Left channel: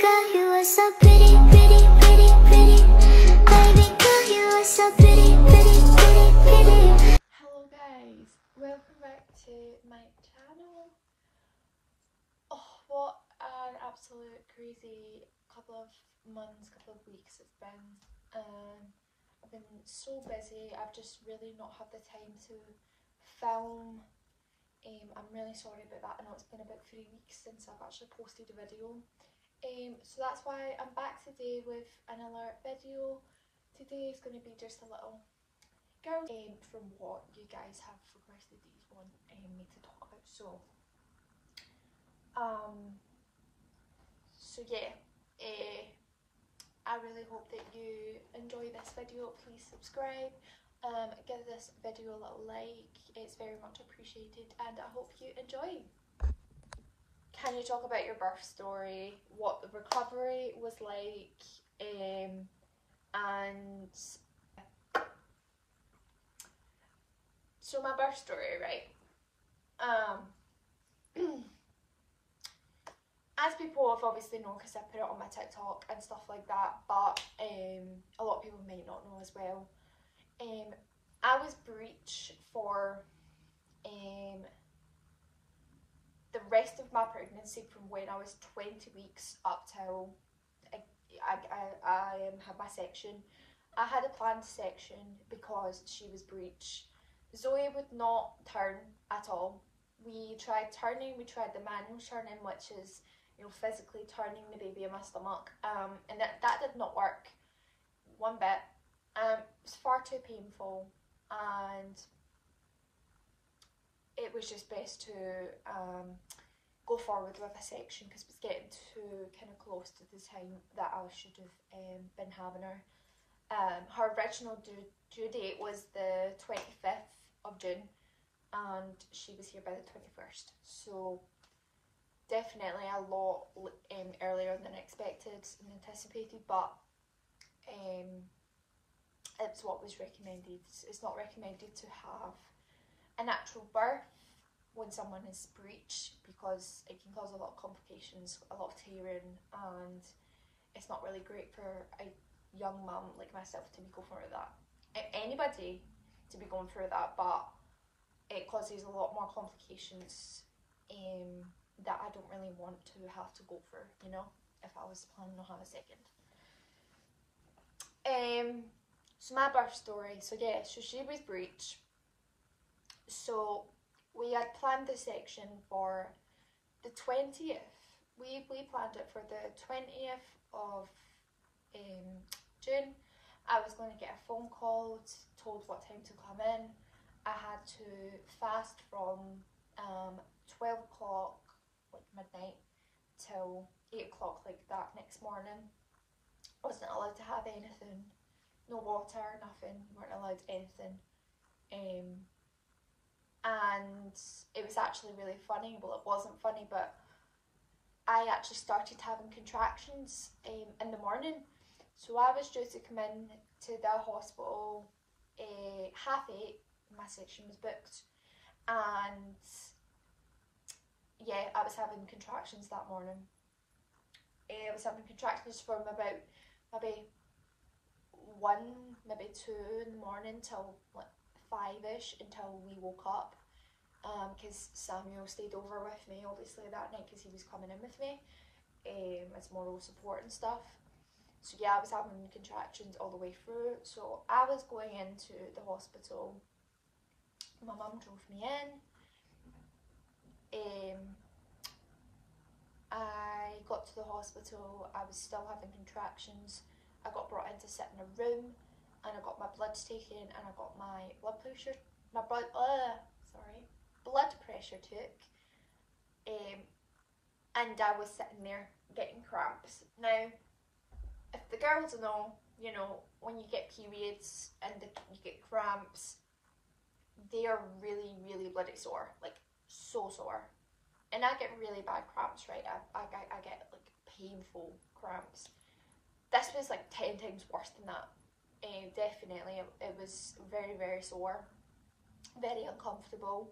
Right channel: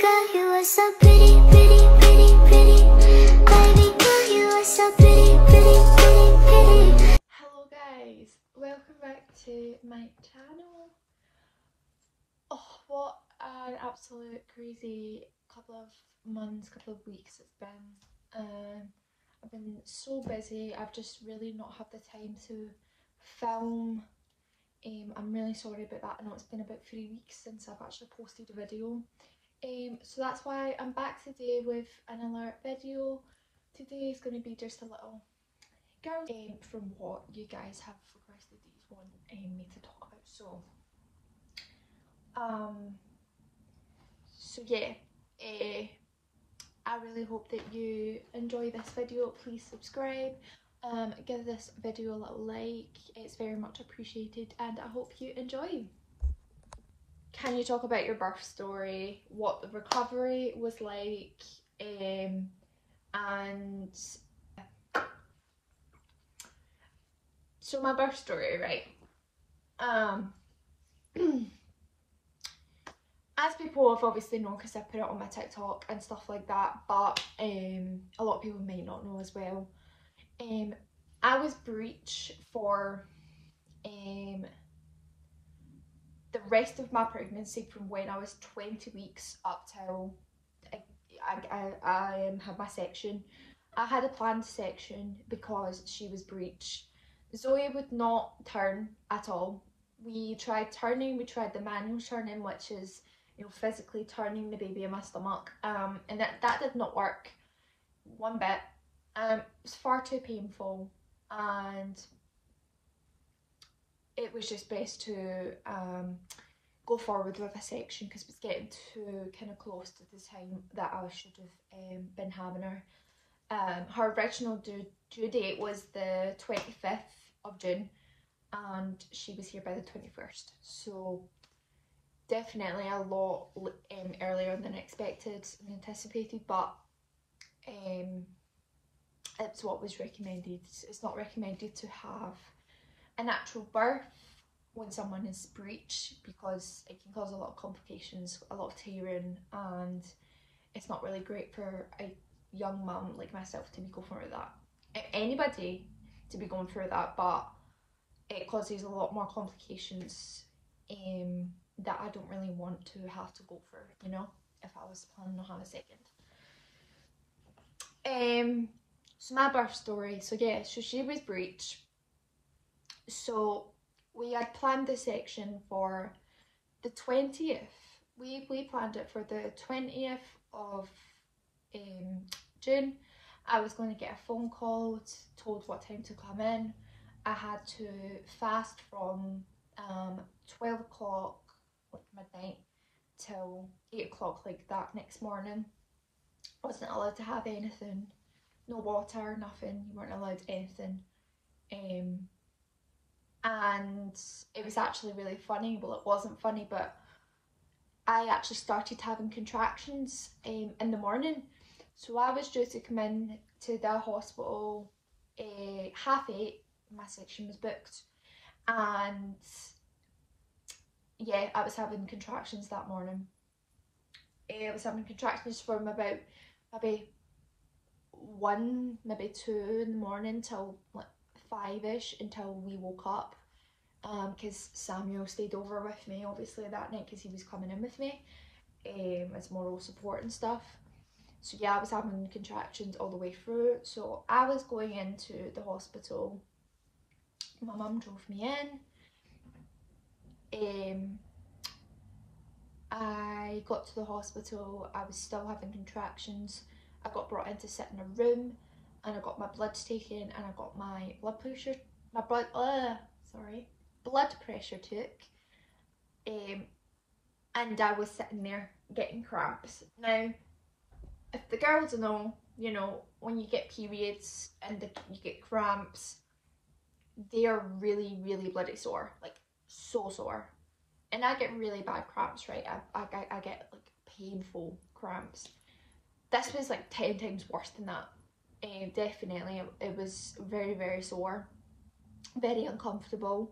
girl, you are so pretty, pretty, pretty, pretty. Baby girl, you are so pretty, pretty, pretty, pretty. Hello guys, welcome back to my channel. Oh, what an absolute crazy couple of months, couple of weeks it's been. I've been so busy, I've just really not had the time to film. I'm really sorry about that. I know it's been about 3 weeks since I've actually posted a video. So that's why I'm back today with another video. Today is going to be just a little girl from what you guys have requested that you want me to talk about. So yeah, I really hope that you enjoy this video. Please subscribe, give this video a little like, it's very much appreciated, and I hope you enjoy. Can you talk about your birth story, what the recovery was like, and so my birth story, right? As people have obviously known because I put it on my TikTok and stuff like that, but a lot of people may not know as well. I was breech for the rest of my pregnancy, from when I was 20 weeks up till I had my section. I had a planned section because she was breech. Zoe would not turn at all. We tried turning, we tried the manual turning, which is, you know, physically turning the baby in my stomach, and that did not work one bit. It was far too painful, and it was just best to go forward with a section because it was getting too kind of close to the time that I should have been having her. Her original due date was the 25th of June, and she was here by the 21st, so definitely a lot earlier than expected and anticipated, but it's what was recommended. It's not recommended to have a natural birth when someone is breech because it can cause a lot of complications, a lot of tearing, and it's not really great for a young mum like myself to be going through that. Anybody to be going through that, but it causes a lot more complications that I don't really want to have to go through, you know, if I was planning on having a second. So my birth story, so yeah, so she was breech. So we had planned the section for the 20th. We planned it for the 20th of June. I was going to get a phone call, told what time to come in. I had to fast from 12 o'clock, like midnight, till 8 o'clock, like that next morning. I wasn't allowed to have anything, no water, nothing. You weren't allowed anything. And it was actually really funny. Well, it wasn't funny, but I actually started having contractions in the morning. So I was due to come in to the hospital 8:30. My section was booked, and yeah, I was having contractions that morning. I was having contractions from about maybe 1, maybe 2 in the morning till like 5ish until we woke up, because Samuel stayed over with me obviously that night because he was coming in with me as moral support and stuff. So yeah, I was having contractions all the way through. So I was going into the hospital. My mum drove me in. I got to the hospital, I was still having contractions. I got brought in to sit in a room, and I got my bloods taken, and I got my blood pressure took. And I was sitting there getting cramps. Now, if the girls know, you know, when you get periods and you get cramps, they are really, really bloody sore, like so sore. And I get really bad cramps, right? I get like painful cramps. This was like 10 times worse than that. Definitely, it was very, very sore, very uncomfortable.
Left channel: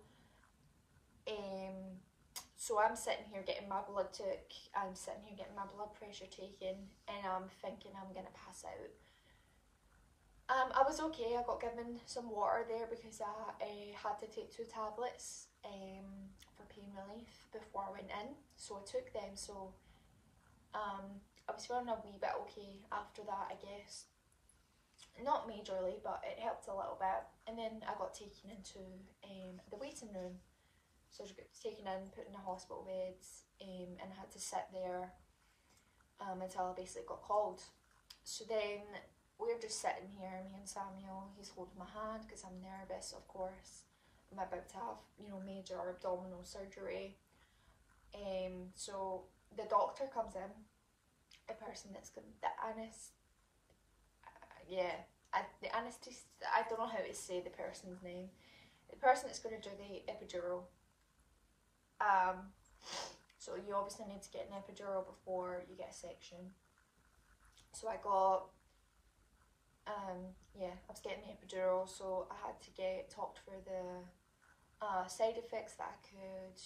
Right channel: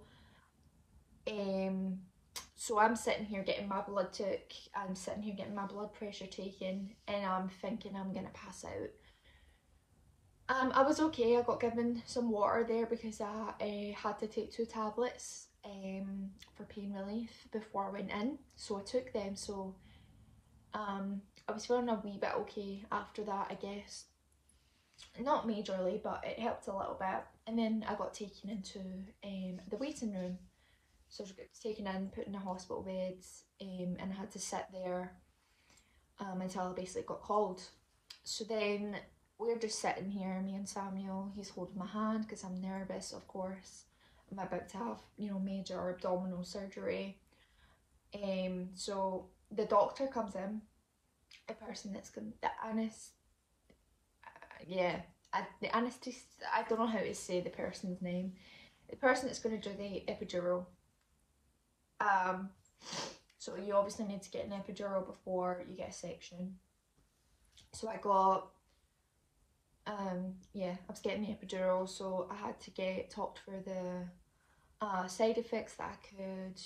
So I'm sitting here getting my blood took, I'm sitting here getting my blood pressure taken, and I'm thinking I'm gonna pass out. I was okay. I got given some water there because I had to take 2 tablets for pain relief before I went in, so I took them. So I was feeling a wee bit okay after that, I guess. Not majorly, but it helped a little bit. And then I got taken into the waiting room. So I was taken in, put in a hospital bed, and I had to sit there until I basically got called. So then we're just sitting here, me and Samuel. He's holding my hand because I'm nervous, of course. I'm about to have, you know, major abdominal surgery. So the doctor comes in, a person that's going, the anaesthetist, I don't know how to say the person's name. The person that's going to do the epidural. So you obviously need to get an epidural before you get a section. So I got, I was getting the epidural, so I had to get talked through the side effects that I could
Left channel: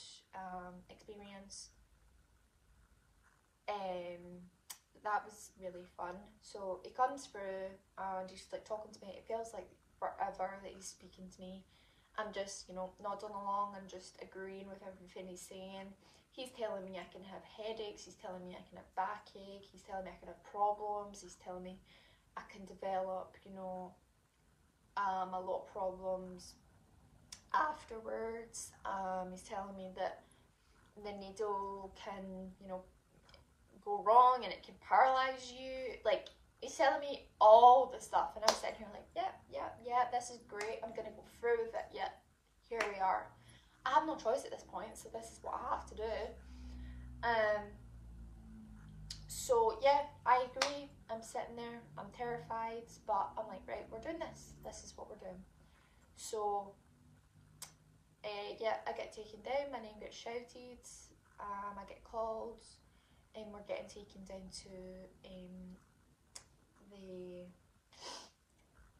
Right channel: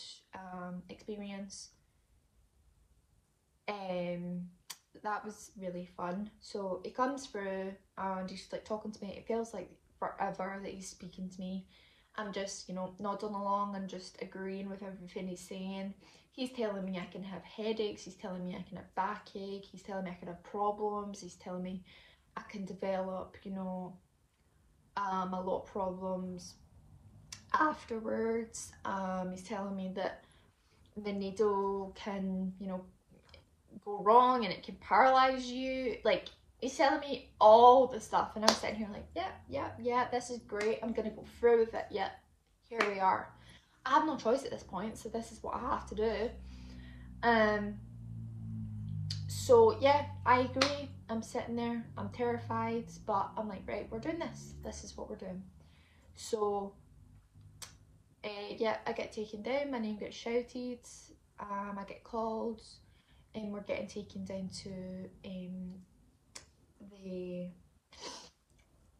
experience. That was really fun. So he comes through and he's like talking to me. It feels like forever that he's speaking to me. I'm just, you know, nodding along and just agreeing with everything he's saying. He's telling me I can have headaches, he's telling me I can have backache, he's telling me I can have problems, he's telling me I can develop, you know, a lot of problems afterwards. He's telling me that the needle can, you know, go wrong and it can paralyze you. Like, he's telling me all the stuff, and I'm sitting here like, yeah, this is great, I'm gonna go through with it. Yeah, here we are. I have no choice at this point, so this is what I have to do. So yeah, I agree. I'm sitting there, I'm terrified, but I'm like, right, we're doing this is what we're doing. So yeah, I get taken down, my name gets shouted, I get called, and we're getting taken down to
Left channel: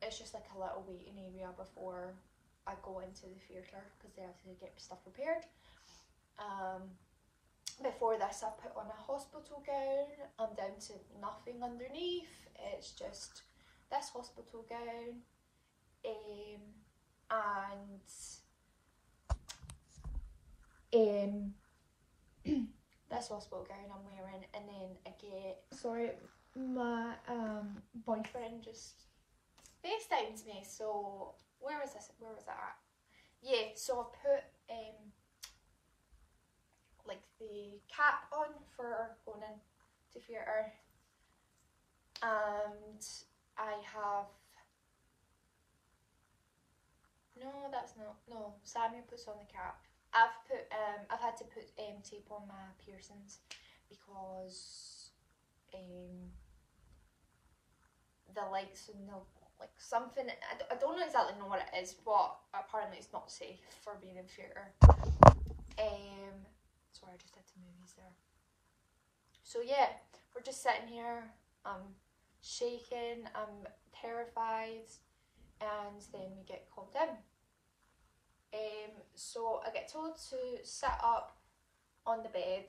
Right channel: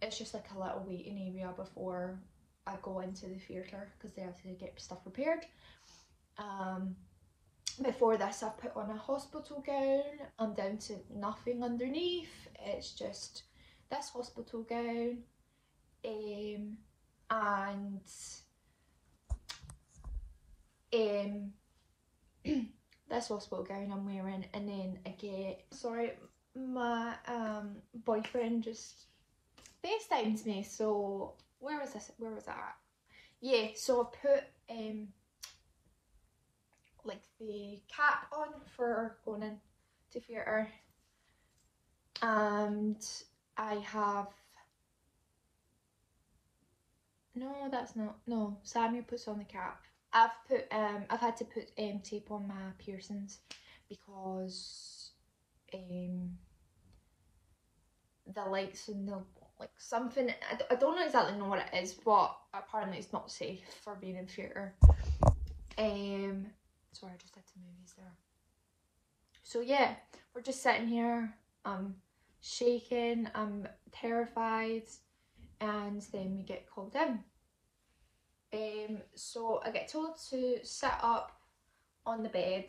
it's just like a little waiting area before I go into the theatre, because they have to get stuff prepared. Before this, I've put on a hospital gown. I'm down to nothing underneath. It's just this hospital gown, and this hospital gown I'm wearing, and then I get, sorry, my boyfriend just FaceTimes me. So where was that at? Yeah, so I put like the cap on for going into theatre, and I have, no, that's not, no, Samuel puts on the cap. I've had to put tape on my piercings because the lights and the, like, something, I don't know exactly know what it is, but apparently it's not safe for being in theatre. Sorry, I just did some movies there. So yeah, we're just sitting here, I'm shaking, I'm terrified, and then we get called in. So I get told to sit up on the bed,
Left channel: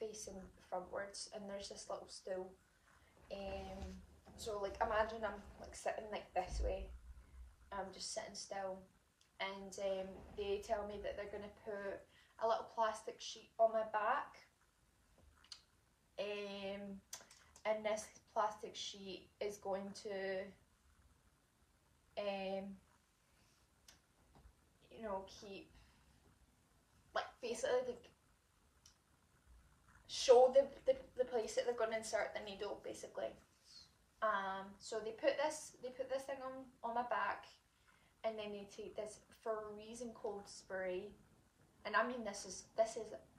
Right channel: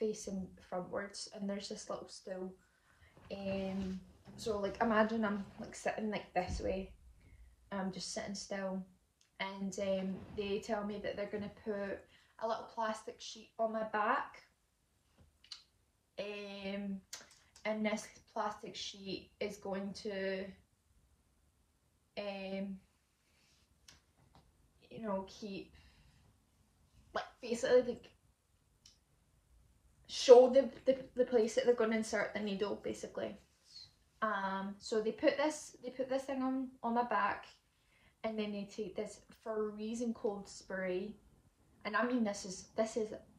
facing frontwards, and there's this little stool. So like, imagine I'm like sitting like this way, I'm just sitting still, and they tell me that they're gonna put a little plastic sheet on my back, and this plastic sheet is going to you know, keep, like, basically like show the place that they're going to insert the needle, basically. So they put this thing on my back, and then they take this freezing cold spray, and I mean, this is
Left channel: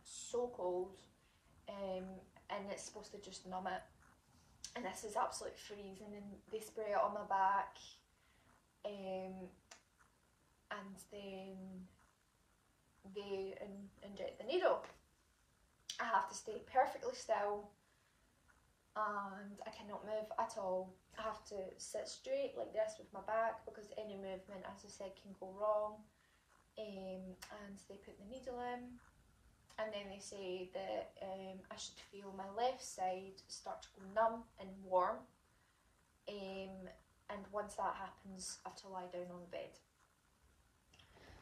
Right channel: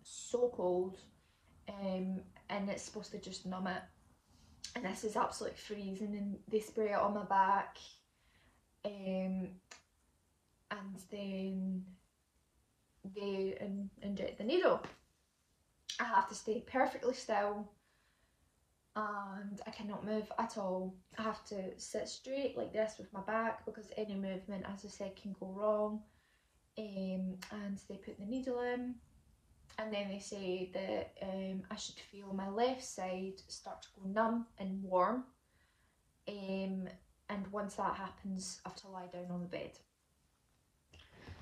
so cold, and it's supposed to just numb it, and this is absolutely freezing, and they spray it on my back, and then they inject the needle. I have to stay perfectly still, and I cannot move at all. I have to sit straight like this with my back, because any movement, as I said, can go wrong. and they put the needle in, and then they say that I should feel my left side start to go numb and warm, and once that happens I have to lie down on the bed.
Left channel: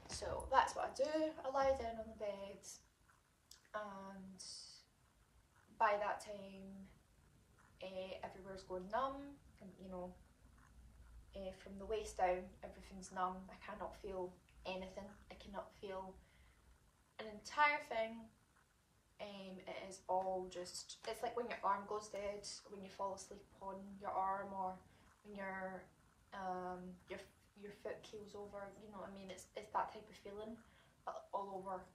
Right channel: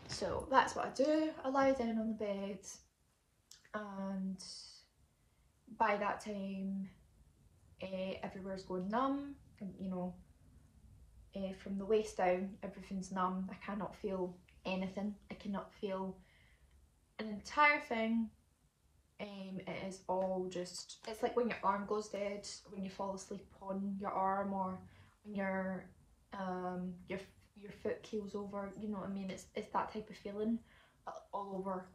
So that's what I do. I lie down on the bed, and by that time everywhere's going numb, you know, from the waist down everything's numb. I cannot feel anything. I cannot feel an entire thing. It is all just, it's like when your arm goes dead, when you fall asleep on your arm, or when your foot keels over, you know what I mean? It's that type of feeling all over,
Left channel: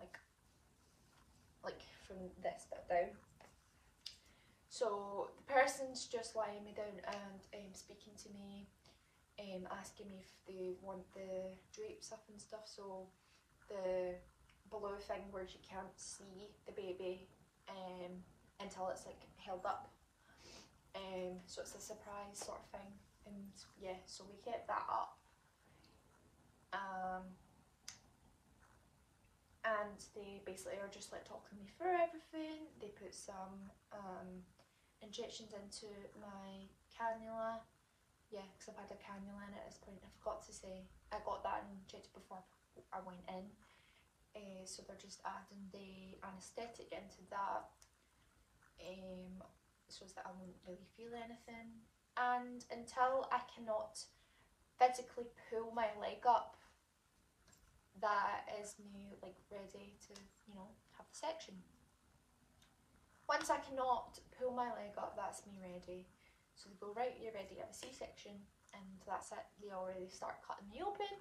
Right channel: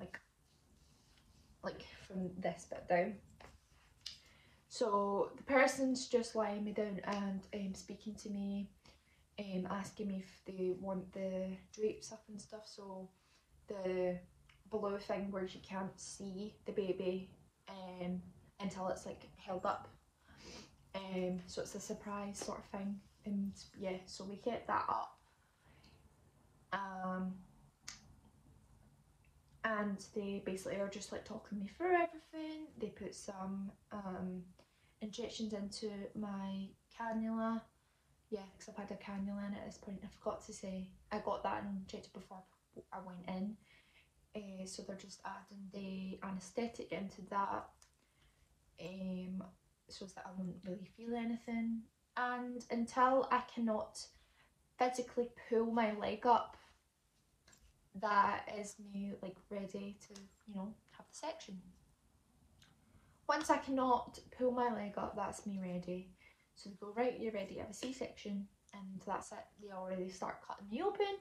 like from this bit down. So the person's just lying me down and speaking to me, asking me if they want the drapes up and stuff, so the below thing where you can't see the baby until it's like held up, so it's a surprise sort of thing. And yeah, so we get that up, and they basically are just like talking me through everything. They put some injections into my cannula. Yeah, because I've had a cannula in at this point. I forgot to say I got that injected before I went in. So they're just adding the anaesthetic into that, so that I won't really feel anything. And until I cannot physically pull my leg up, that is me like ready to, you know, have the section. Once I cannot pull my leg up, that's me ready. So they go, right, you're ready to have a C-section, and that's it. They already start cutting me open.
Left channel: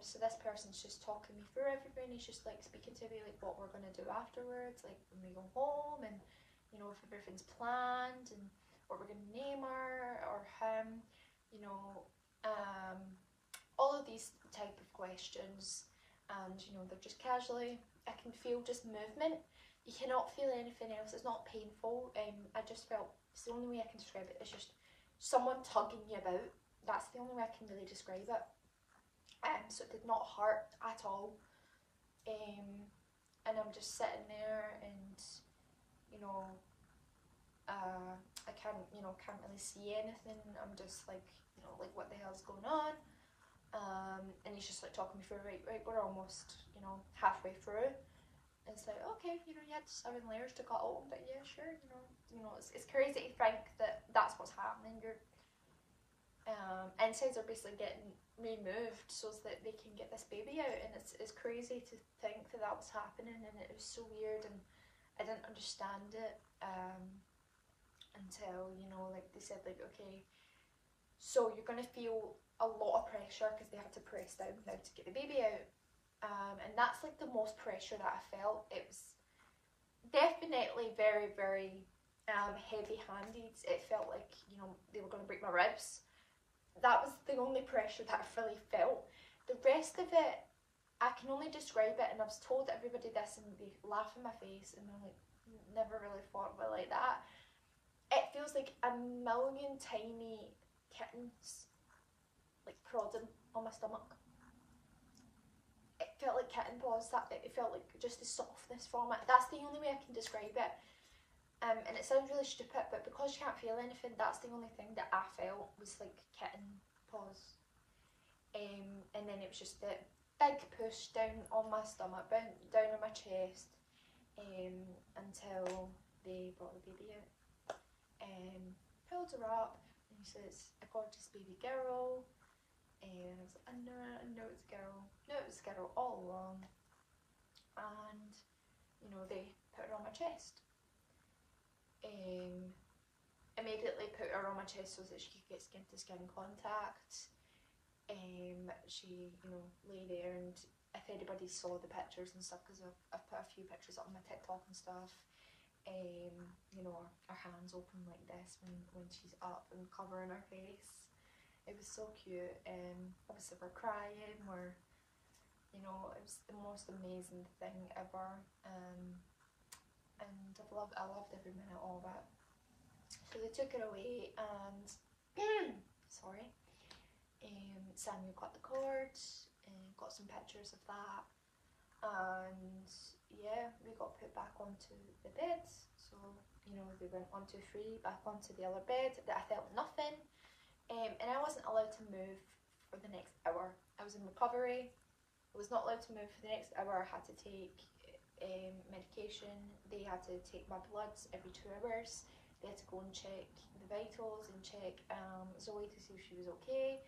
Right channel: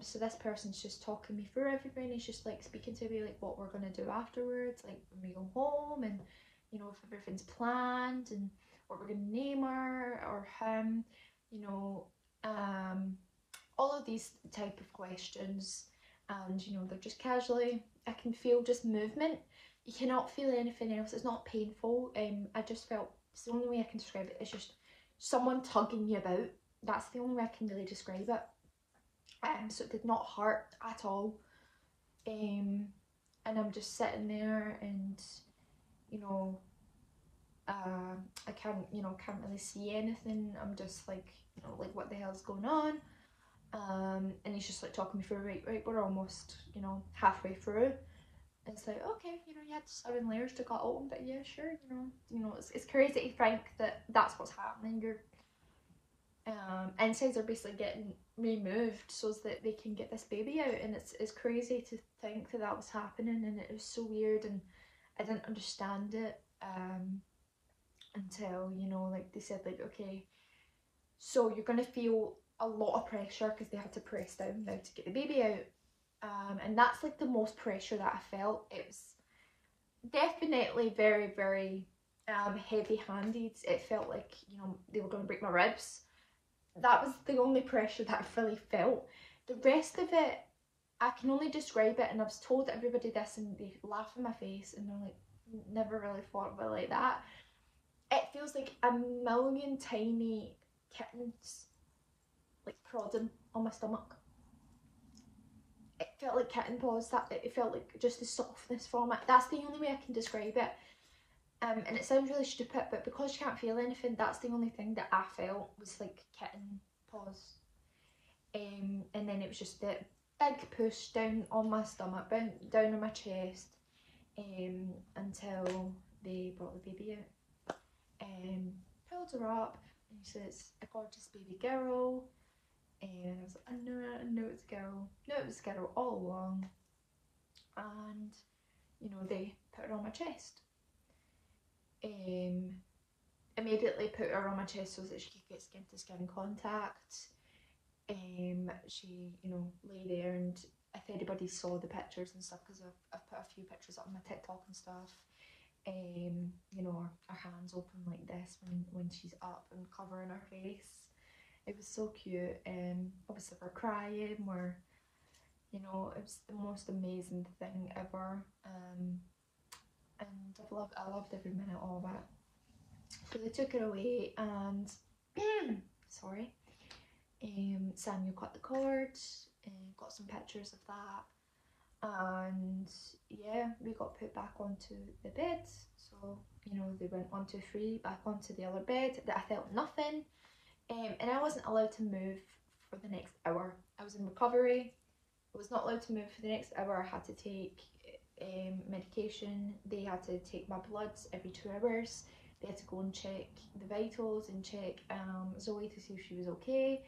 So this person's just talking me through everything. He's just like speaking to me like what we're gonna do afterwards, like when we go home, and you know, if everything's planned, and what we're gonna name her or him, you know, all of these type of questions. And you know, they're just casually, I can feel just movement. You cannot feel anything else. It's not painful. I just felt, it's the only way I can describe it. It's just someone tugging you about. That's the only way I can really describe it. So it did not hurt at all, and I'm just sitting there, and you know, I can't really see anything. I'm just like, you know, like what the hell's going on? And he's just like talking me through, right, we're almost, you know, halfway through. It's like, okay, you know, you had 7 layers to cut open, but yeah, sure, you know, it's crazy to think that that's what's happening. Your insides are basically getting removed so that they can get this baby out, and it's crazy to think that was happening, and it was so weird, and I didn't understand it until, you know, like they said, like, okay, so you're gonna feel a lot of pressure because they had to press down now to get the baby out, and that's like the most pressure that I felt. It was definitely very, very heavy-handed. It felt like, you know, they were going to break my ribs. That was the only pressure that I really felt. The rest of it, I can only describe it, and I've told everybody this and they laugh in my face and they're like, never really thought of it like that. It feels like a million tiny kittens like prodding on my stomach. It felt like kitten paws. It felt like just the softness from it. That's the only way I can describe it. And it sounds really stupid, but because you can't feel anything, that's the only thing that I felt was like kitten paws. And then it was just a big push down on my stomach, down on my chest, until they brought the baby out. Pulled her up, and he said, it's a gorgeous baby girl. And I was like, I know it's a girl. No, it was a girl all along. And, you know, they put her on my chest. Immediately put her on my chest so that she could get skin to skin contact. She, you know, lay there, and if anybody saw the pictures and stuff, because I've put a few pictures up on my TikTok and stuff, you know, her hands open like this when she's up and covering her face. It was so cute. Obviously we're crying, you know, it was the most amazing thing ever. And I loved every minute of it. So they took her away, and sorry, Samuel cut the cord, and got some pictures of that. And yeah, we got put back onto the beds. So, you know, they went 1, 2, 3 back onto the other bed. That I felt nothing, and I wasn't allowed to move for the next hour. I was in recovery. I was not allowed to move for the next hour. I had to take medication. They had to take my bloods every 2 hours. They had to go and check the vitals and check Zoe to see if she was okay.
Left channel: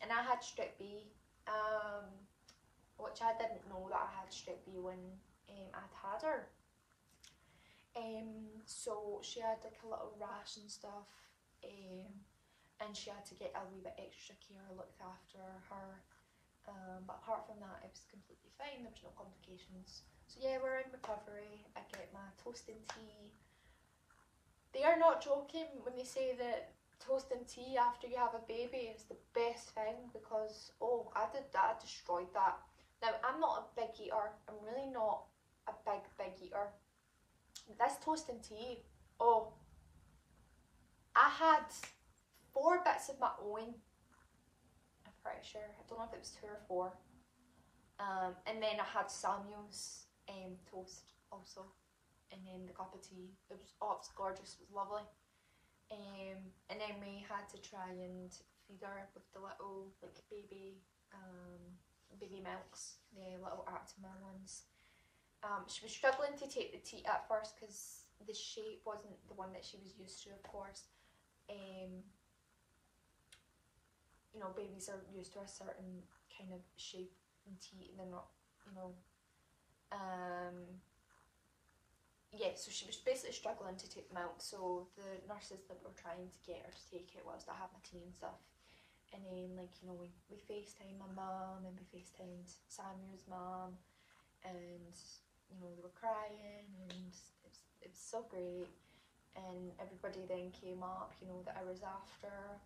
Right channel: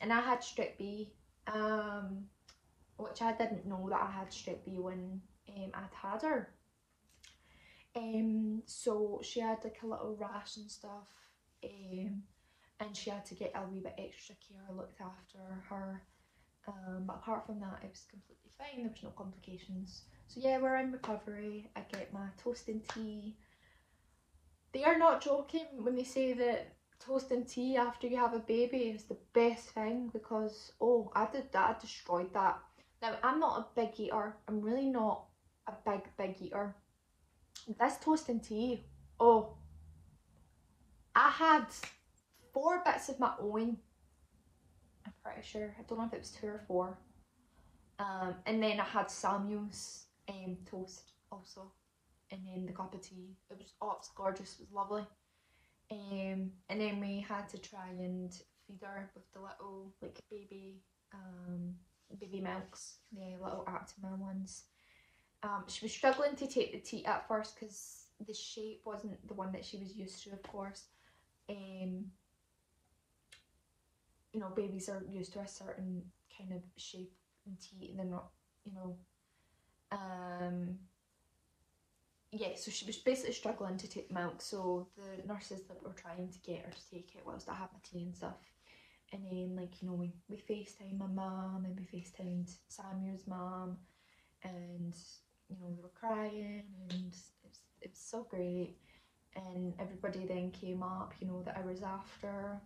And I had strep B, which I didn't know that I had strep B when I'd had her. So she had like a little rash and stuff, and she had to get a wee bit extra care looked after her. But apart from that, it was completely fine. There was no complications. So yeah, we're in recovery. I get my toast and tea. They are not joking when they say that toast and tea after you have a baby is the best thing, because oh, I did that. I destroyed that. Now, I'm not a big eater. I'm really not a big eater. This toast and tea, oh, I had 4 bits of my own. I'm pretty sure. I don't know if it was 2 or 4. And then I had Samuel's toast also. And then the cup of tea. It was, oh, it was gorgeous. It was lovely. And then we had to try and feed her with the little like baby milks, the little Actimel ones. She was struggling to take the teat at first because the shape wasn't the one that she was used to, of course. You know, babies are used to a certain kind of shape and teat, and they're not, you know. Yeah, so she was basically struggling to take milk, so the nurses that were trying to get her to take it whilst I had my tea and stuff. And then, like, you know, we FaceTimed my mum, and we FaceTimed Samuel's mum, and, you know, they were crying, and it was so great. And everybody then came up, you know, the hours after.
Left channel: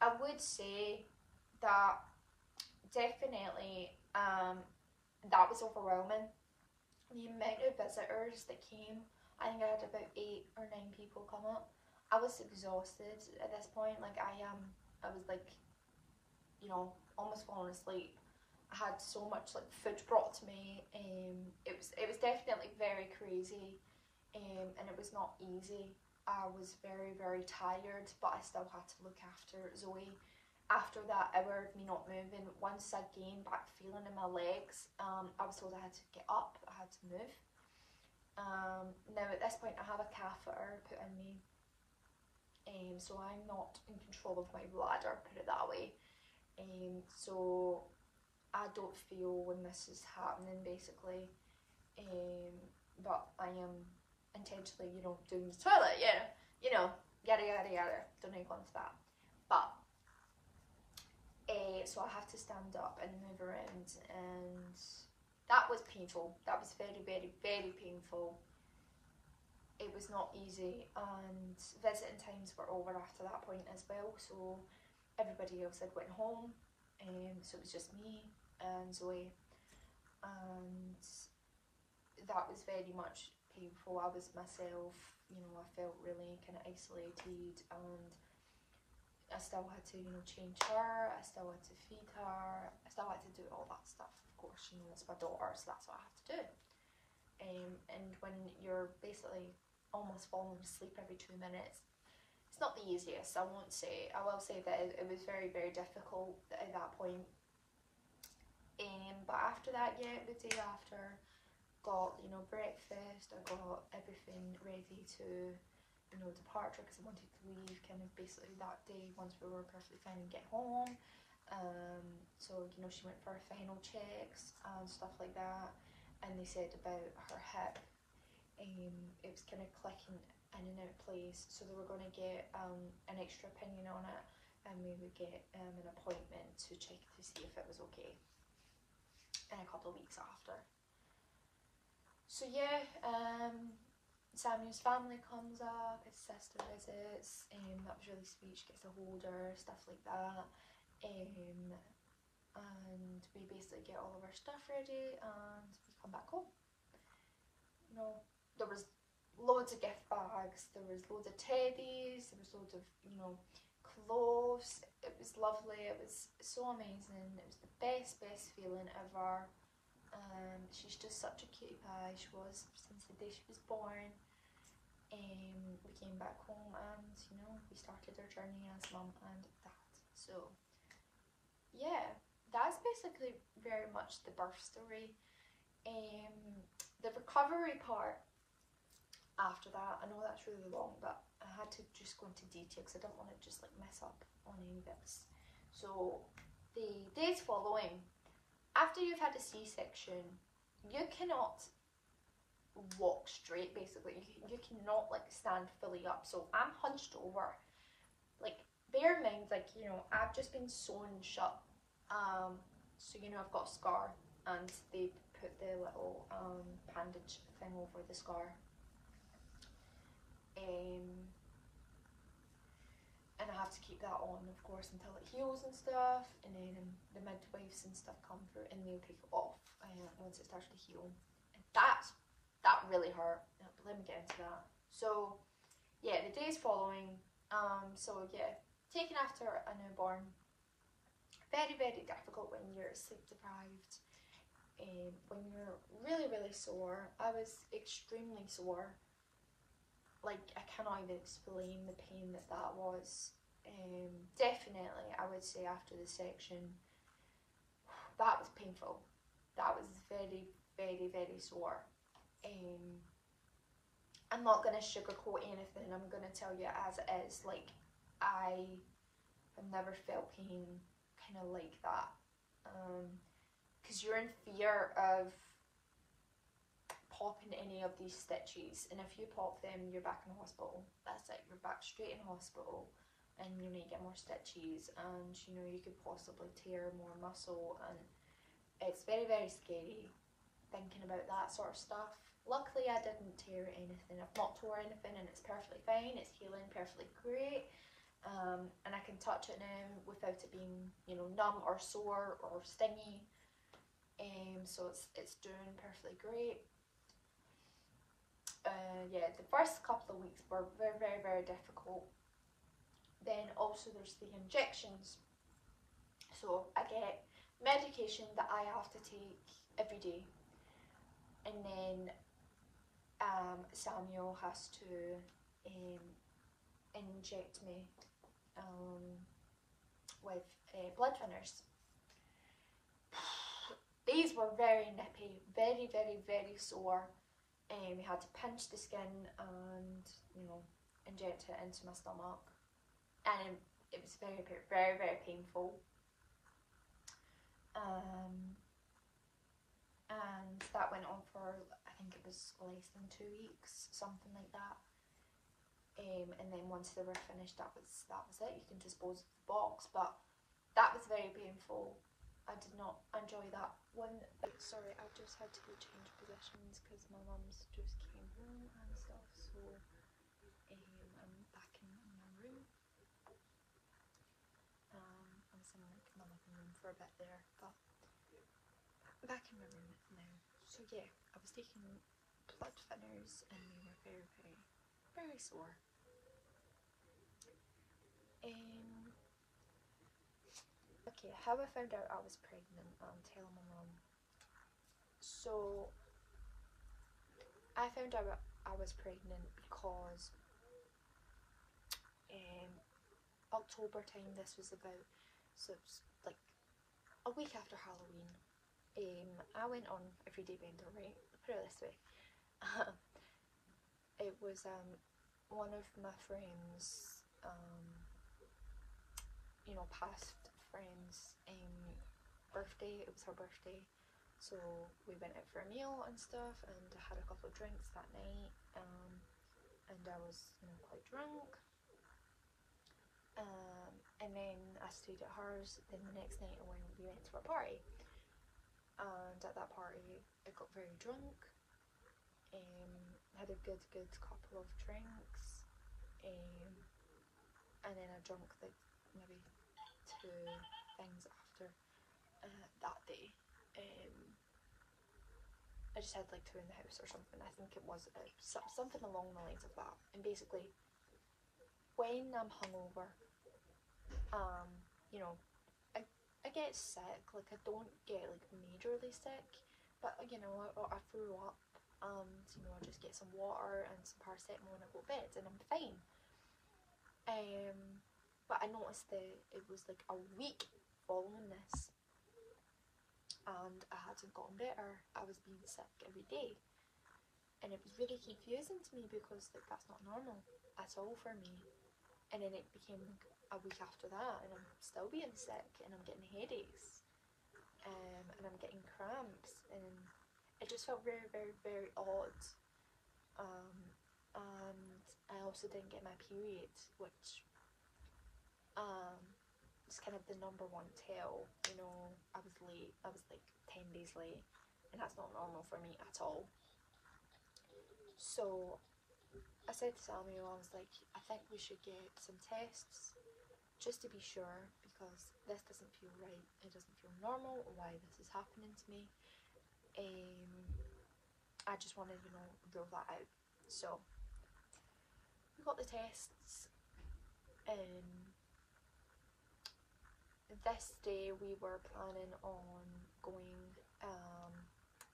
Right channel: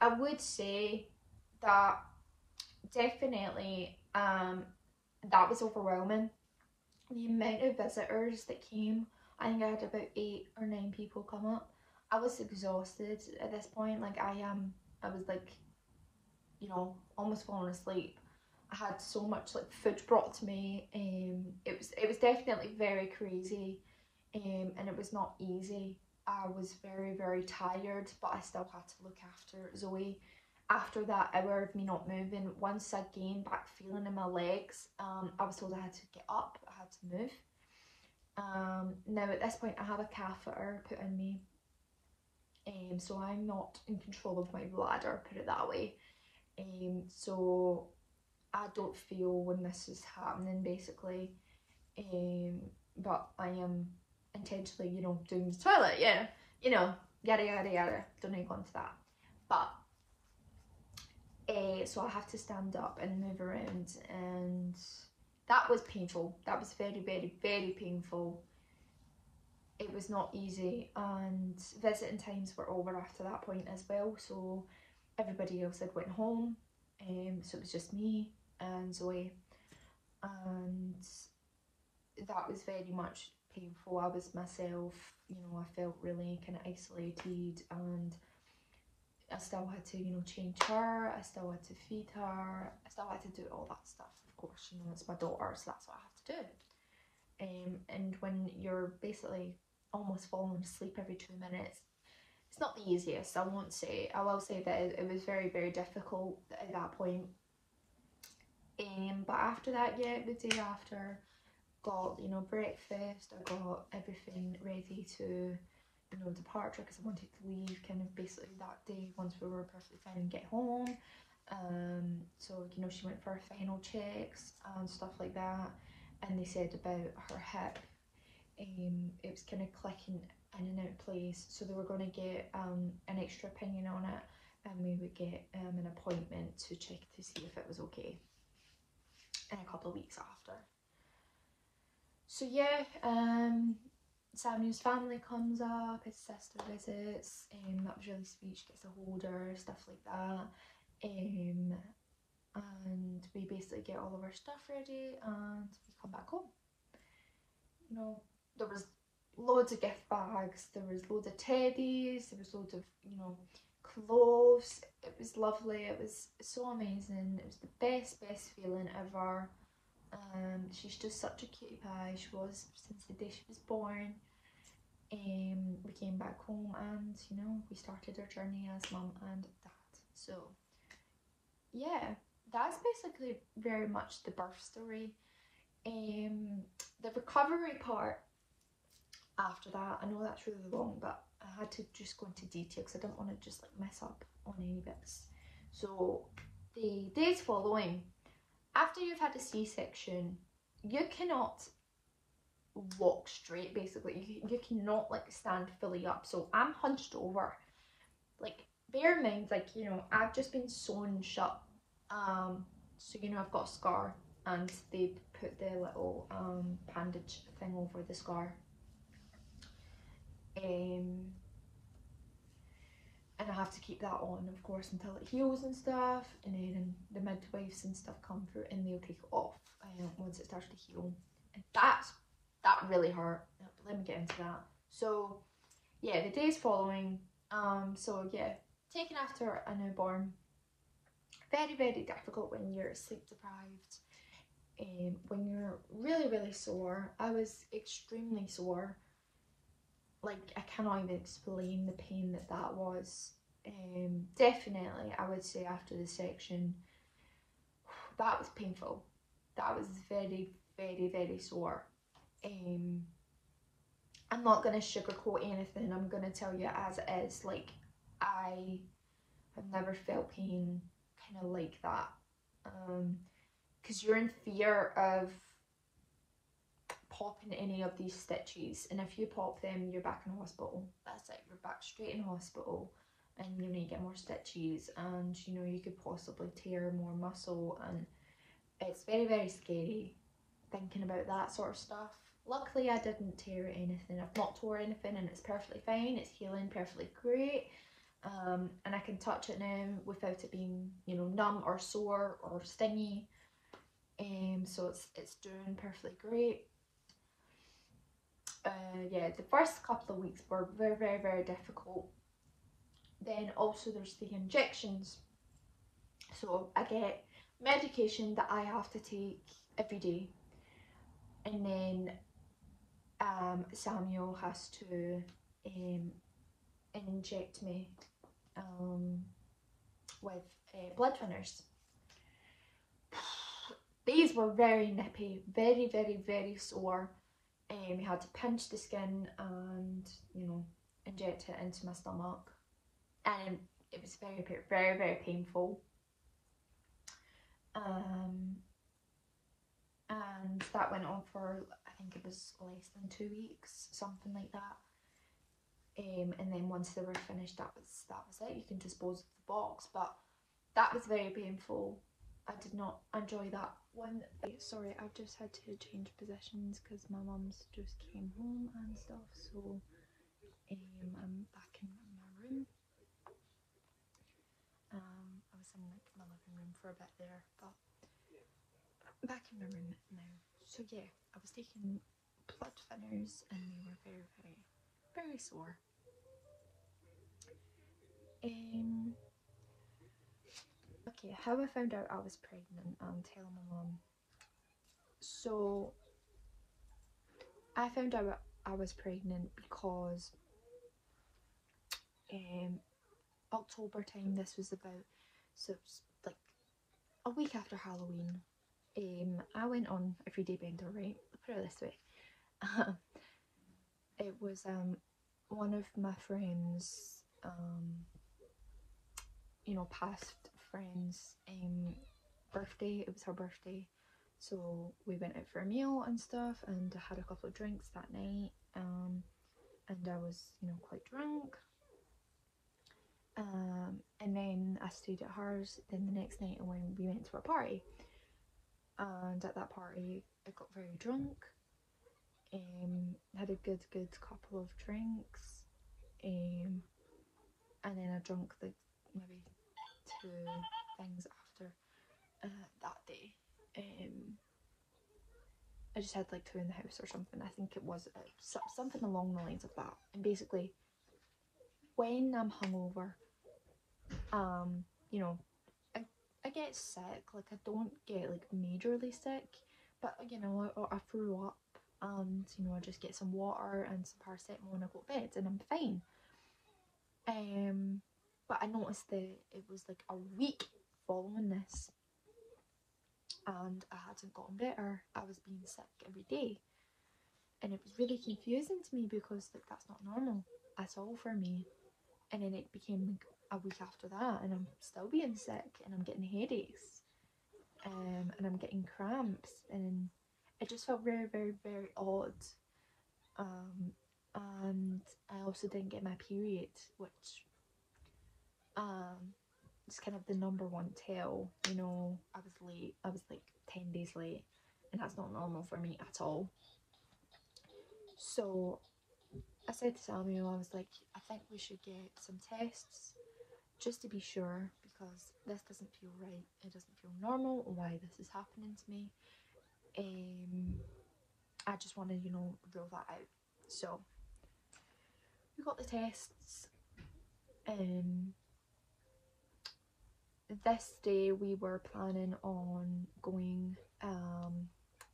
I would say that definitely that was overwhelming. The amount of visitors that came, I think I had about 8 or 9 people come up. I was exhausted at this point. Like I was like, you know, almost falling asleep. I had so much like food brought to me. It was definitely very crazy, and it was not easy. I was very tired, but I still had to look after Zoe. After that hour of me not moving, once I gained back feeling in my legs, I was told I had to get up, I had to move. Now at this point I have a catheter put in me, so I'm not in control of my bladder, put it that way. So I don't feel when this is happening, basically. But I am intentionally, you know, doing the toilet, yeah, you know, yada yada yada. Don't need to go into that. But so I have to stand up and move around, and that was painful. That was very painful. It was not easy, and visiting times were over after that point as well, so everybody else had went home, so it was just me and Zoe, and that was very much painful. I was myself, you know, I felt really kind of isolated, and I still had to, you know, change her, I still had to feed her, I still had to do all that stuff, of course, you know, it's my daughter, so that's what I have to do. And when you're basically almost falling asleep every 2 minutes, it's not the easiest, I won't say. I will say that it was very difficult at that point. But after that, yeah, the day after, got, you know, breakfast, I got everything ready to, you know, departure, because I wanted to leave kind of basically that day once we were perfectly fine and get home. So, you know, she went for her final checks and stuff like that, and they said about her hip, it was kind of clicking in and out place, so they were going to get an extra opinion on it, and we would get an appointment to check to see if it was okay in a couple of weeks after. So yeah, Samuel's family comes up, his sister visits, that was really sweet, she gets to hold her, stuff like that, and we basically get all of our stuff ready and we come back home. You know, there was loads of gift bags, there was loads of teddies, there was loads of, you know, close. It was lovely. It was so amazing. It was the best feeling ever. She's just such a cutie pie. She was since the day she was born. We came back home and, you know, we started our journey as mum and dad. So yeah, that's basically very much the birth story. The recovery part after that, I know that's really long, but I had to just go into detail because I don't want to just like mess up on any bits. So the days following, after you've had a C-section, you cannot walk straight, basically. You cannot like stand fully up. So I'm hunched over. Like, bear in mind, like, you know, I've just been sewn shut. So, you know, I've got a scar and they put the little bandage thing over the scar. And I have to keep that on, of course, until it heals and stuff, and then the midwives and stuff come through and they'll take it off once it starts to heal. And that really hurt. Let me get into that. So yeah, the days following, so yeah, taken after a newborn, very difficult when you're sleep deprived, when you're really sore. I was extremely sore. Like, I cannot even explain the pain that was. Definitely, I would say after the section, that was painful. That was very sore. I'm not going to sugarcoat anything. I'm going to tell you as it is. Like, I have never felt pain kind of like that. Because you're in fear of popping any of these stitches, and if you pop them, you're back in hospital. That's it, you're back straight in hospital, and you know, you get more stitches, and you know, you could possibly tear more muscle, and it's very scary thinking about that sort of stuff. Luckily, I didn't tear anything. I've not tore anything, and it's perfectly fine. It's healing perfectly great, and I can touch it now without it being, you know, numb or sore or stingy. So it's doing perfectly great. Yeah, the first couple of weeks were very difficult. Then also there's the injections. So I get medication that I have to take every day, and then Samuel has to inject me with blood thinners. These were very nippy, very sore. We had to pinch the skin and, you know, inject it into my stomach, and it was very painful. And that went on for, I think it was less than 2 weeks, something like that. And then once they were finished, that was it. You can dispose of the box, but that was very painful. I did not enjoy that one. Sorry, I've just had to change positions because my mum's just came home and stuff, so I'm back in my room. I was in like my living room for a bit there, but back in my room now. So yeah, I was taking blood thinners and they were very sore. Okay, how I found out I was pregnant, I'm telling my mum. So I found out I was pregnant because October time, this was about, so it was like a week after Halloween. I went on Everyday Bender, right? Put it this way. It was one of my friends, you know, past friends' birthday. It was her birthday, so we went out for a meal and stuff, and I had a couple of drinks that night, and I was, you know, quite drunk. And then I stayed at hers. Then the next night we went to a party, and at that party I got very drunk. Had a good couple of drinks, and then I drank like maybe 2 things after that day. I just had like 2 in the house or something. I think it was something along the lines of that. And basically, when I'm hungover, You know, I get sick, like I don't get like majorly sick, but you know, I threw up, and you know, I just get some water and some paracetamol and I go to bed and I'm fine. But I noticed that it was like a week following this and I hadn't gotten better. I was being sick every day. And it was really confusing to me because like that's not normal at all for me. And then it became like a week after that and I'm still being sick and I'm getting headaches. And I'm getting cramps and it just felt very, very, very odd. And I also didn't get my period, which it's kind of the #1 tell. You know, I was late. I was like 10 days late, and that's not normal for me at all. So I said to Samuel, I was like, I think we should get some tests just to be sure, because this doesn't feel right. It doesn't feel normal why this is happening to me. I just want to, you know, rule that out. So we got the tests. This day we were planning on going,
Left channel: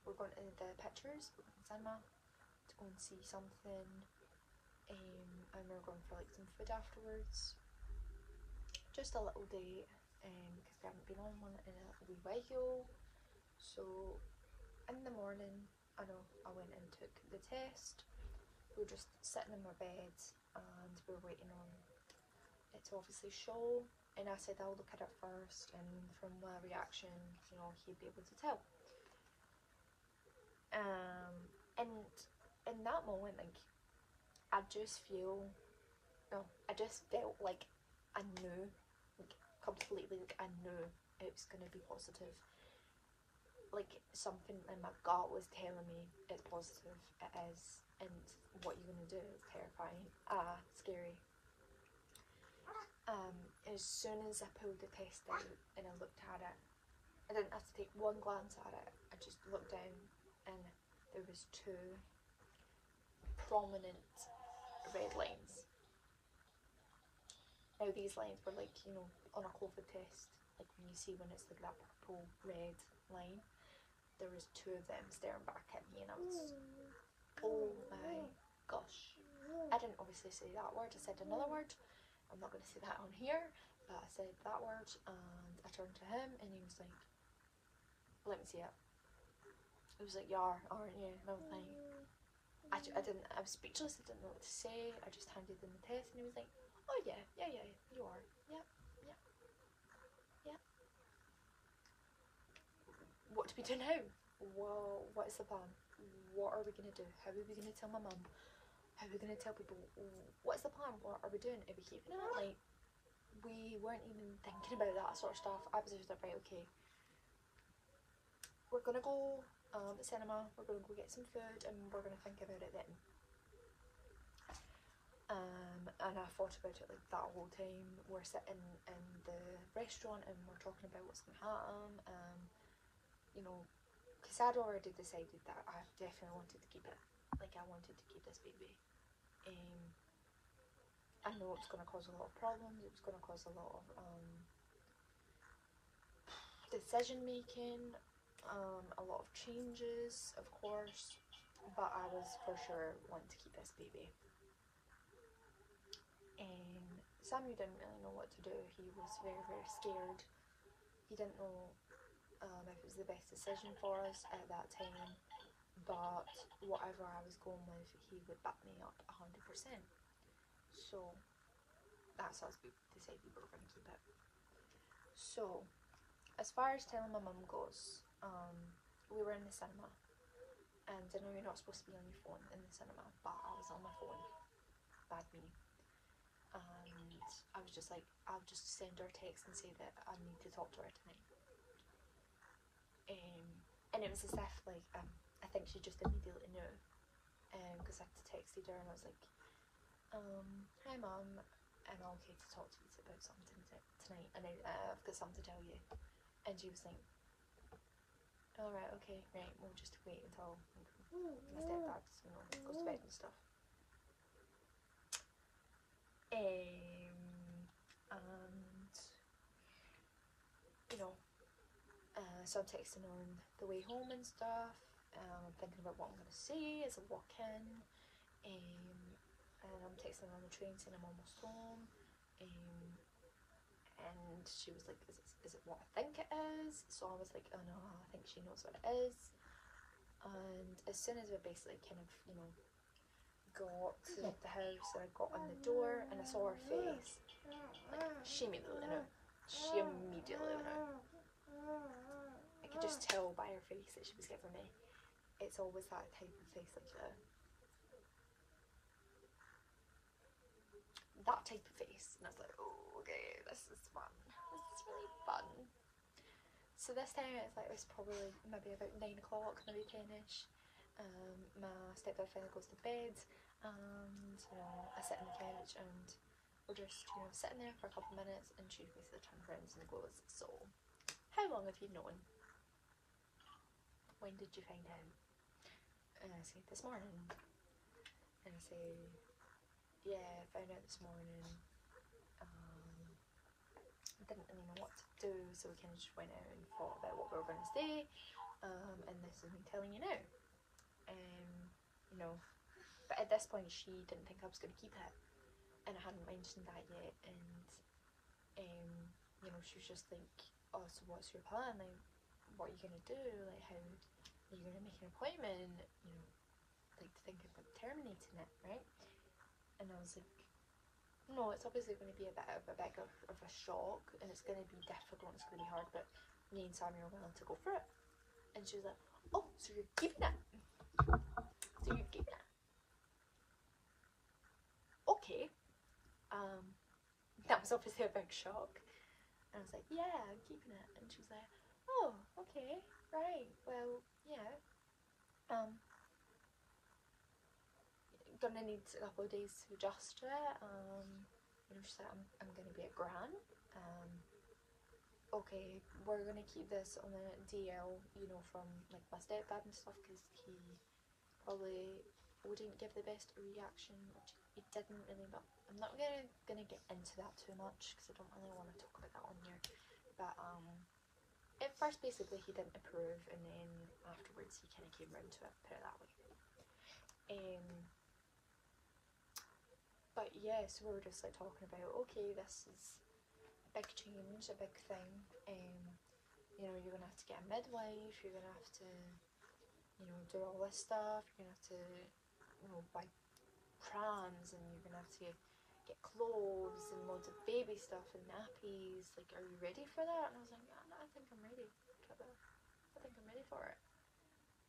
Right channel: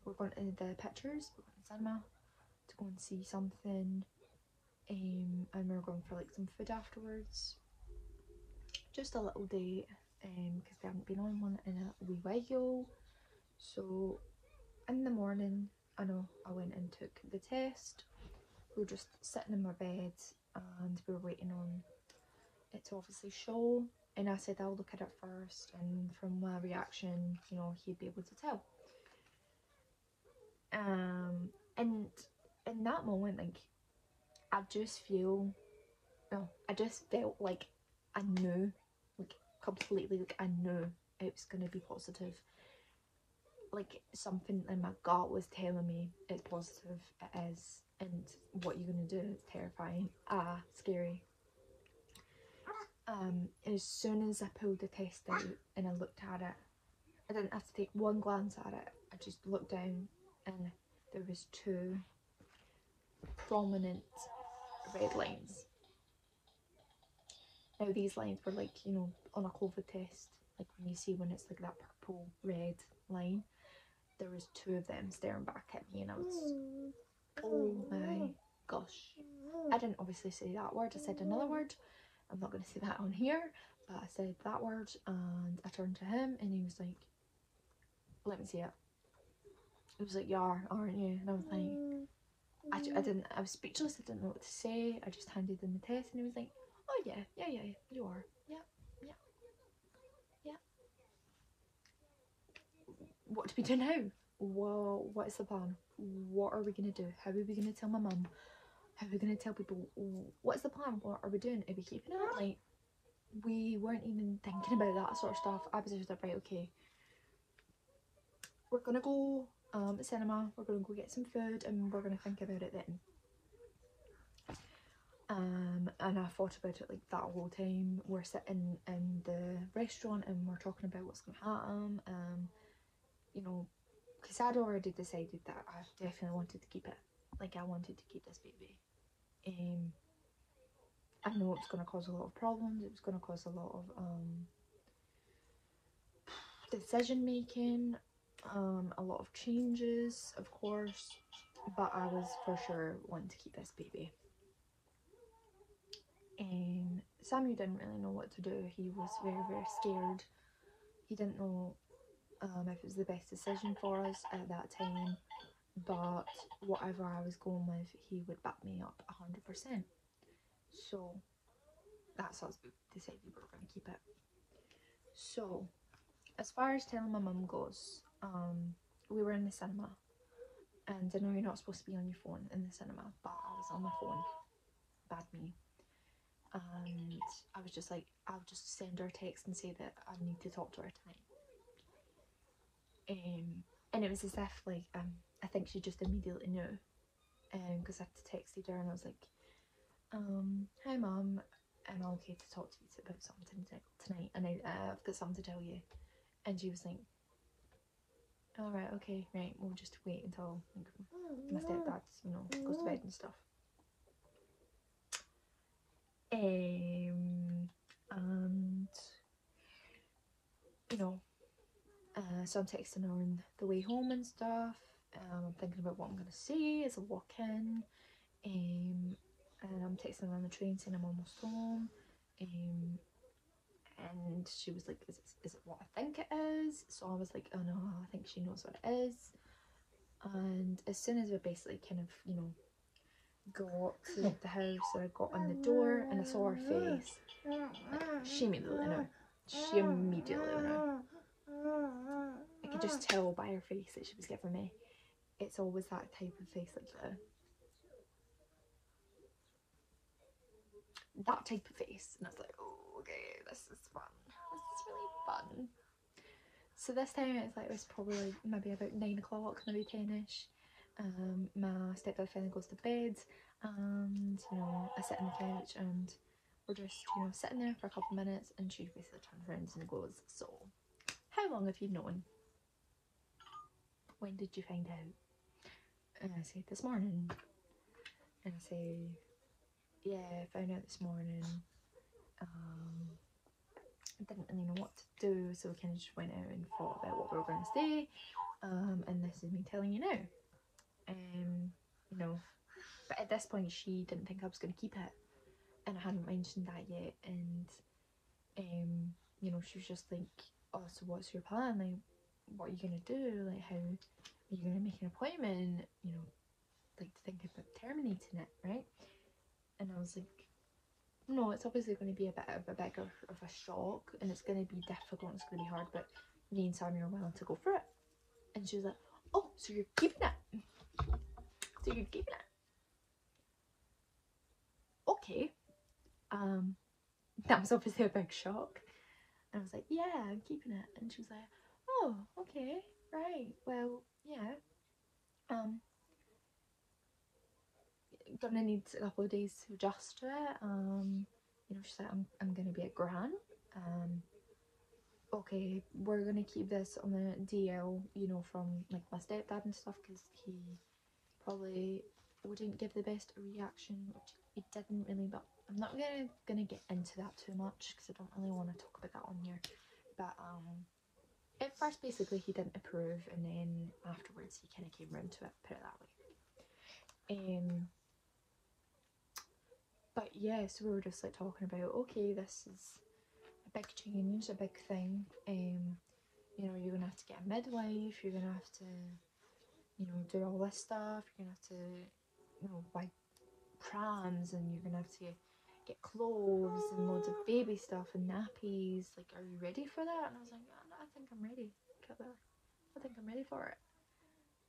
we're going to the pictures, we're going to cinema to go and see something, and we're going for like some food afterwards. Just a little date, because we haven't been on one in a wee while. So in the morning, I know I went and took the test. We were just sitting in my bed and we were waiting on it to obviously show, and I said I'll look at it first, and from my reaction, you know, he'd be able to tell. And in that moment, like, I just felt like I knew, like completely, like I knew it was gonna be positive. Like something in my gut was telling me it's positive, it is, and what you're gonna do is terrifying, scary. As soon as I pulled the test out and I looked at it, I didn't have to take one glance at it. I just looked down and there was 2 prominent red lines. Now these lines were like, you know, on a COVID test, like when you see when it's like that purple red line, there was 2 of them staring back at me, and I was, oh my gosh. I didn't obviously say that word, I said another word. I'm not going to say that on here, but I said that word, and I turned to him and he was like, let me see it. He was like, you are, aren't you? And I was like, I was speechless, I didn't know what to say. I just handed in the test and he was like, oh yeah, you are, yeah. What do we do now? Well, what is the plan? What are we going to do? How are we going to tell my mum? How are we going to tell people? What's the plan? What are we doing? Are we keeping it? Like, we weren't even thinking about that sort of stuff. I was just like, right, okay, we're gonna go to cinema, we're gonna go get some food, and we're gonna think about it then. And I thought about it like that whole time. We're sitting in the restaurant and we're talking about what's gonna happen. You know, because I'd already decided that I definitely wanted to keep it. Like, I wanted to keep this baby. I know it's going to cause a lot of problems, it's going to cause a lot of decision making, a lot of changes, of course, but I was for sure wanting to keep this baby. Samuel didn't really know what to do. He was very, very scared. He didn't know if it was the best decision for us at that time, but whatever I was going with, he would back me up 100%. So that's us, we decided we were going to keep it. So as far as telling my mum goes, we were in the cinema, and I know you're not supposed to be on your phone in the cinema, but I was on my phone, bad me, and I was just like, I'll just send her a text and say that I need to talk to her tonight. And it was as if like I think she just immediately knew, because I texted her and I was like, hi mum, am I okay to talk to you about something tonight, and I've got something to tell you. And she was like, alright, okay, right, we'll just wait until my stepdad, you know, goes to bed and stuff. And So I'm texting her on the way home and stuff. I'm thinking about what I'm going to say as I walk in. And I'm texting her on the train saying I'm almost home. And she was like, is it what I think it is? So I was like, oh no, I think she knows what it is. And as soon as we basically kind of, you know, got to the house and I got on the door and I saw her face, like, she immediately knew. She immediately knew. I could just tell by her face that she was giving me. It's always that type of face, like that type of face. And I was like, oh, okay, this is fun. This is really fun. So this time it's like, it's probably like maybe about 9 o'clock, maybe 10ish. My stepdad finally goes to bed, and you know, I sit on the couch and we're just, you know, sitting there for a couple of minutes, and she basically turns around and goes, so how long have you known? When did you find out? And I say, this morning. And I say, yeah, I found out this morning. I didn't really know what to do, so we kind of just went out and thought about what we were going to say. And this is me telling you now. You know, but at this point she didn't think I was going to keep it, and I hadn't mentioned that yet. And you know, she was just like, oh, so what's your plan? Like, what are you going to do? Like, how are you going to make an appointment? You know, like, to think about terminating it, right? And I was like, no, it's obviously going to be a bit of a shock, and it's going to be difficult, it's going to be hard, but me and Sammy are willing to go for it. And she was like, oh, so you're keeping it? So you're keeping it? Okay. That was obviously a big shock. And I was like, yeah, I'm keeping it. And she was like, oh, okay, right, well, yeah. Gonna need a couple of days to adjust to it. You know, she's like, I'm gonna be a gran. Okay, we're gonna keep this on the DL, you know, from like my stepdad and stuff, because he probably wouldn't give the best reaction, which he didn't really, but I'm not gonna get into that too much because I don't really want to talk about that on here. But at first basically he didn't approve, and then afterwards he kind of came round to it, put it that way. But yeah, so we were just like talking about, okay, this is a big change, a big thing. You know, you're gonna have to get a midwife, you're gonna have to, you know, do all this stuff, you're gonna have to, you know, buy prams, and you're gonna have to get clothes and loads of baby stuff and nappies. Like, are you ready for that? And I was like, yeah, no, I think I'm ready. I think I'm ready for it.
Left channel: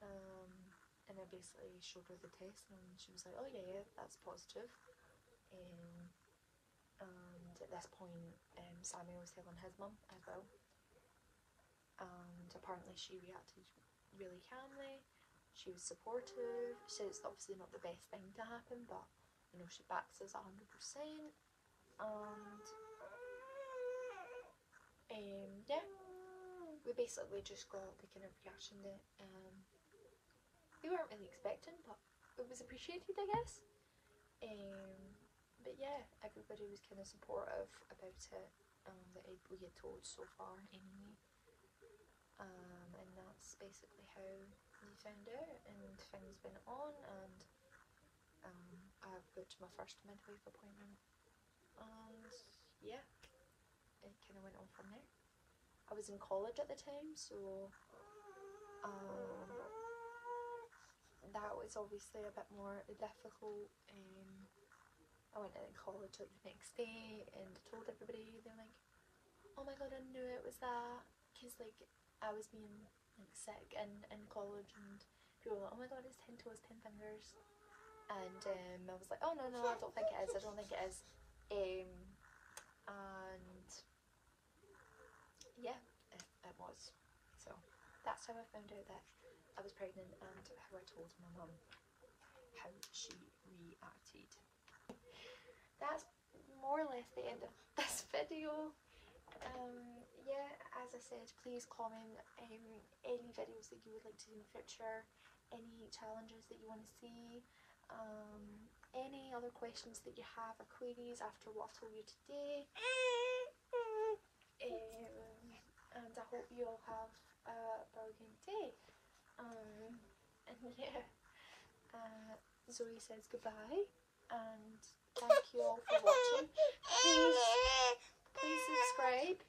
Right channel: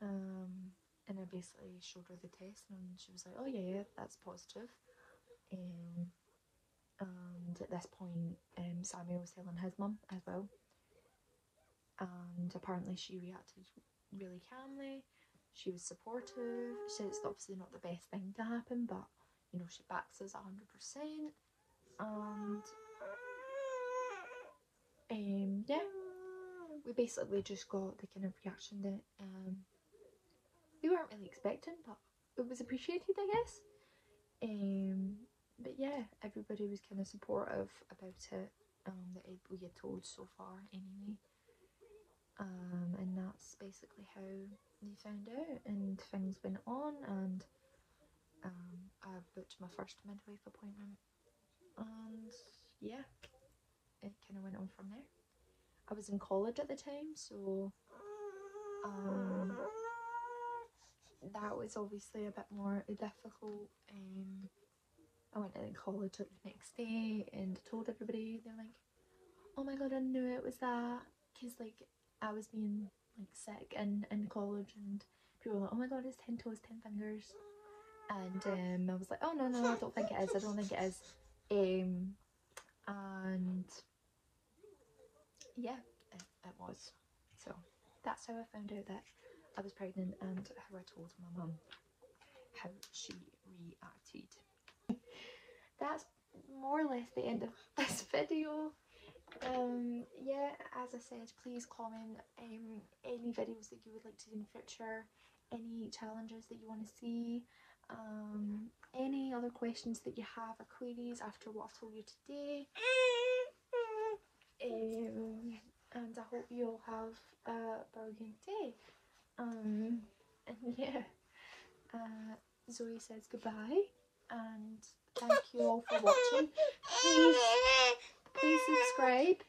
And I basically showed her the test, and she was like, oh yeah, that's positive. And at this point, Sammy was telling his mum as well, and apparently she reacted really calmly. She was supportive. She said it's obviously not the best thing to happen, but you know, she backs us 100%. And yeah, we basically just got the kind of reaction that we weren't really expecting, but it was appreciated, I guess. But yeah, everybody was kind of supportive about it, that we had told so far anyway. And that's basically how we found out, and things went on, and I've booked my first midwife appointment, and yeah, it kind of went on from there. I was in college at the time, so that was obviously a bit more difficult. I went to college like the next day and told everybody. They were like, oh my god, I knew it was that, because like I was being like sick in college, and people were like, oh my god, it's 10 toes, 10 fingers. And I was like, oh no, I don't think it is, and yeah, it was. So that's how I found out that I was pregnant, and how I told my mum how she reacted. That's more or less the end of this video. Yeah, as I said, please comment any videos that you would like to see in the future, any challenges that you want to see, any other questions that you have or queries after what I've told you today. and I hope you all have a brilliant day. And yeah, Zoe says goodbye, and thank you all for watching. Please subscribe,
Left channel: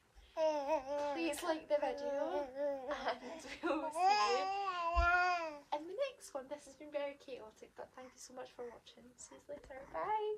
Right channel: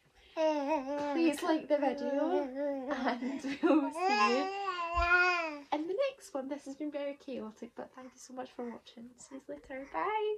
please like the video, and we'll see you in the next one. This has been very chaotic, but thank you so much for watching. See you later. Bye.